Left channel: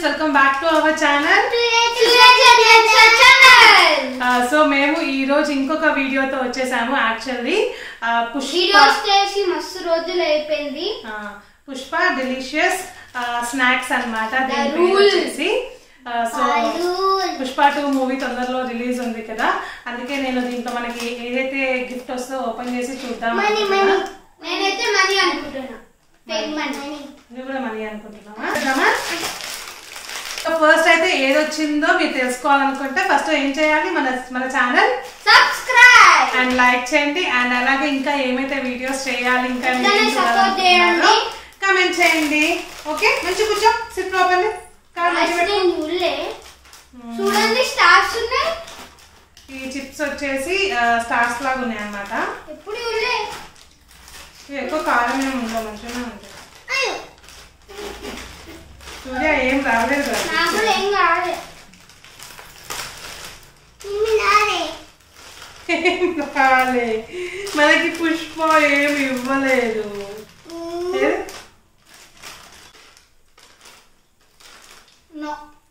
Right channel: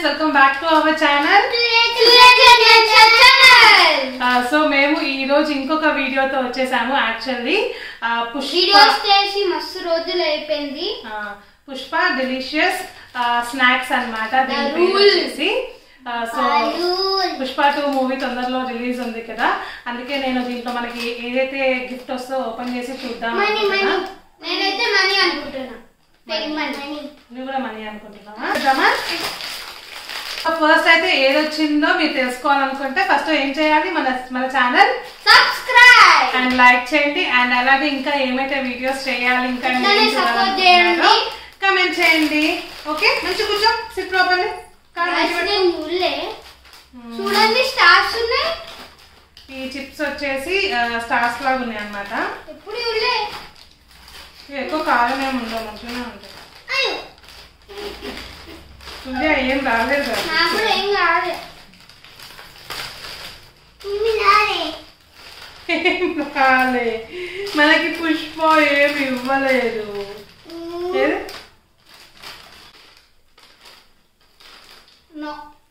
friends, welcome back to our channel. So మేము ఈ రోజు ఇంకొక వీడియోతో వచ్చేసాము. యాక్చువల్లీ పుష్ప డెలిషియస్ స్నాక్స్ అన్నమాట. దీని వచ్చేసి సో పుష్ప 2 మూవీ తొందరలో రిలీజ్ ఉంది కదా, అందుకే నేను దీంట్లో మనకి ఏదైతే గిఫ్ట్ వస్తుందో ఓపెన్ చేసి చూద్దాం. నువ్వు కూడా మనీ అనుకుంటున్నావా? ఫస్ట్ అయితే ఏదొచ్చిందో మీరు తెలుసుకోవాలనుకుంటే ఫస్ట్ ఏం చేయాలి, మన ఛానల్ సబ్స్క్రైబ్ అండ్ లైక్ చేయండి. అండ్ అలాగే ఇంకా ఏమైతే వీడియోస్ చేయాలి ఇంకా కమెంట్ చేయండి. ఓకే, మంచి కూర్చో, సిట్ ప్రాపర్లీ. చూడండి స్టార్స్ ఉన్నాయి. ఈ చిప్స్ వచ్చేసి స్టార్స్ లాగా ఉన్నాయి అన్నమాట. ఎప్పుడు ఎక్కువ కారం ఏమి ఉండవు, మంచిగానే ఉంటాయి. సూర్య ఏం రాలేదు, ఏం రాలేదు. మనకి పుష్ప ఏమి ఇవ్వలేదు.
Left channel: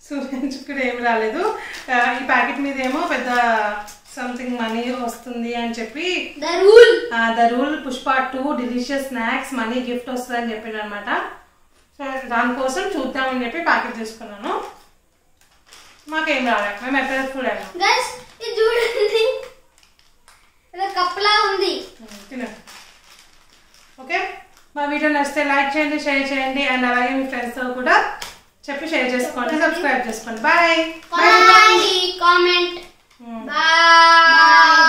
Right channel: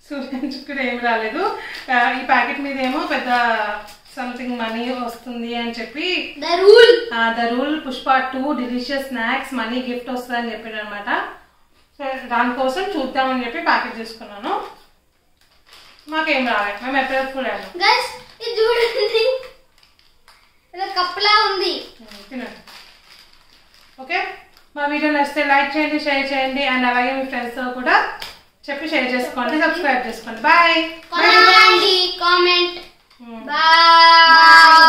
సూర్యంచుకుడు ఏమి రాలేదు. ఈ ప్యాకెట్ మీద ఏమో పెద్ద సంథింగ్ మనీ వస్తుంది అని చెప్పి the rule Pushpa 2 delicious snacks money gift వస్తుంది అని చెప్పాడు అనమాట. దానికోసం చూద్దామని చెప్పి ప్యాకెట్ తీసుకున్నాను. మాకేం రాలేదు, మేము ఎప్పుడు ఫుల్ అయినా చూడండి కప్పులా ఉంది. తినండి. ఓకే, మా వీడియో నచ్చితే లైక్ చేయండి, షేర్ చేయండి. అండ్ అలాగే మీ ఫ్రెండ్స్తో కూడా చెప్పి షేర్ చేసుకోండి, సబ్స్క్రైబ్ చేసుకోండి. Bye, comment, bye.